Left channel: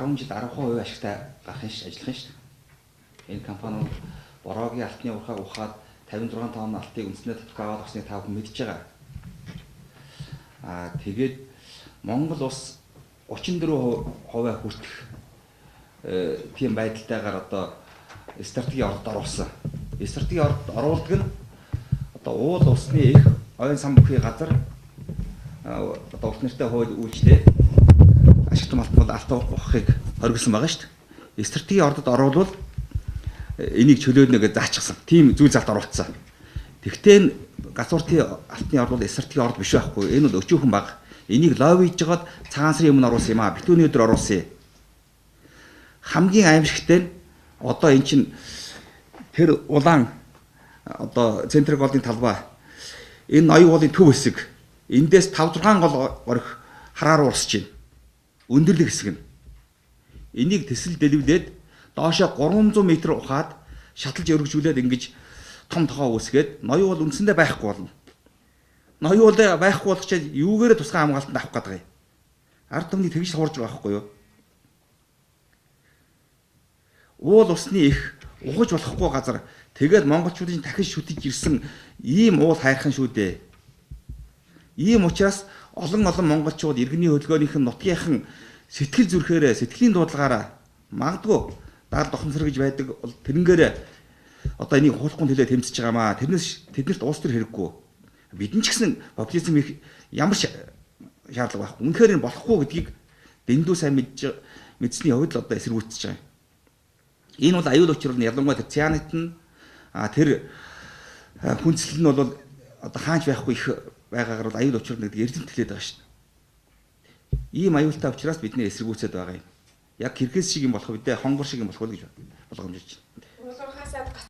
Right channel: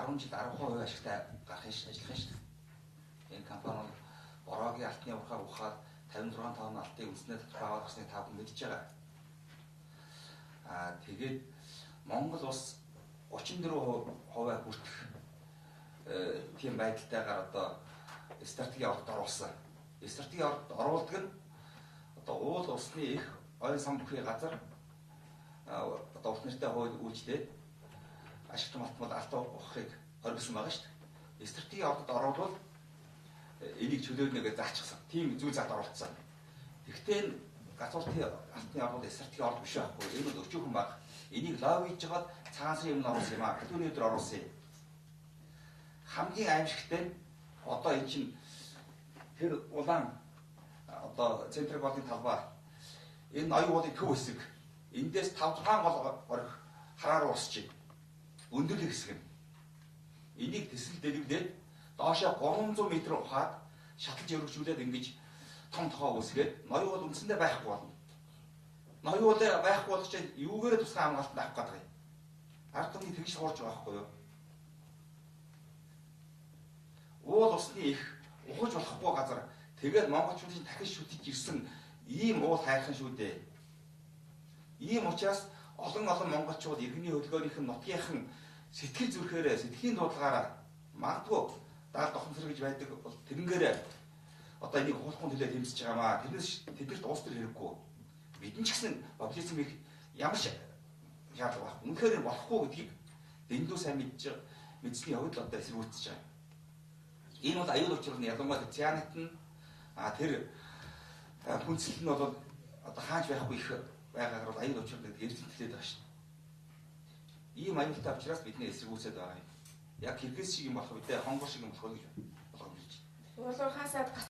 10 жил 10% ашигтай гарахын ажиллах нь шүү. Энэ компани бороогийн алтны урхаг ухаад 56 тонн алтыг үндэснээ татах аваад авсныг та бүхэн мэдж байгаа. Тэгээд Монгол улс 34% хүртэх тийм байдалтайгаар одоо стратегийн ордод оруулсан. Стратегийн ордод оруулдаг нь одоо уул улсны их ойн сан бүхий газар одоо урт нэртэй хууль үйлчлээ ашигт малтмал алтан ухахыг хоригдсан байгаа шүү дээ. Стратегийн ордод оруулвал энийг чөлөөлнө гэж заачсан. Тийм зүйл залт оруулсан. Тэгвэл газууртын алтны орд бол стратегийн орд биш байхгүй. Энэ бол өчүүхэн баг. Энийг лоббиж жагаад цагаан сарын өмнө оруулсан юм аа. Битүүний өдөр оруулсан. Хамгийн аимшигтай нь одоо эн чинь тэр улаан одоо центрик голын талбай энэ ноён уулын төв хэсэг эндээс 5-6 гол орих хараар урсж байна. Өндөрлөг хэсэг нь. Энийг тэсэл дэлвлээд доошоо 300 м ухаад шаталж өргөжүүлээд ингэж том тохоо үүсгээд ноён уул үндсэндээ байхгүй болно. Ноён уул байхгүй болох чинь юугээрээ тусгай хамгаалтанд авах гэдэг юм. Ард түмний тэгж хуурж байгаа байхгүй юу? Уул усны их ухаж болохгүй газар тэгээд монголчуудын дахин шүтэж ирсэн ийм уул хайрхан шүү дээ. Ийм учраас олон монголчууд иргэний хөдөлгөөнийхэн нутгийнхан сэтгэл зүрхээрээ сэтгэлийн дуудлагаараа магадгүй даал дохонсор гэж байдаг тэрнгээр одоо энийг хуулахгүй төлөө тэмцэж байгаамаа. Тэрнээс тэднэрт уус төр хэрэггүй. Бидэн ч гэсэн популизм их ямар шаардлага байхгүй. Үнэхээр энэ болохгүй гэдгийг дэндүү сайн мэдсэний хувьд л одоо эсэргүүцэж байгаа. Энэ бол аюул учир нь ялангуяа цианид нь тэр хүнслэл нь бол одоо хаач байхгүй их байгаагаар бол аюул учир гэдэг эрдэмт хэлээд байгаа шүү дээ. Ийм аюултай учраас бидний эсэргүүцээд байгаа юм. Яг Киргиз шиг юм болох үедээ хонгор шиг юм болох уу гэж болгоомжлж байна.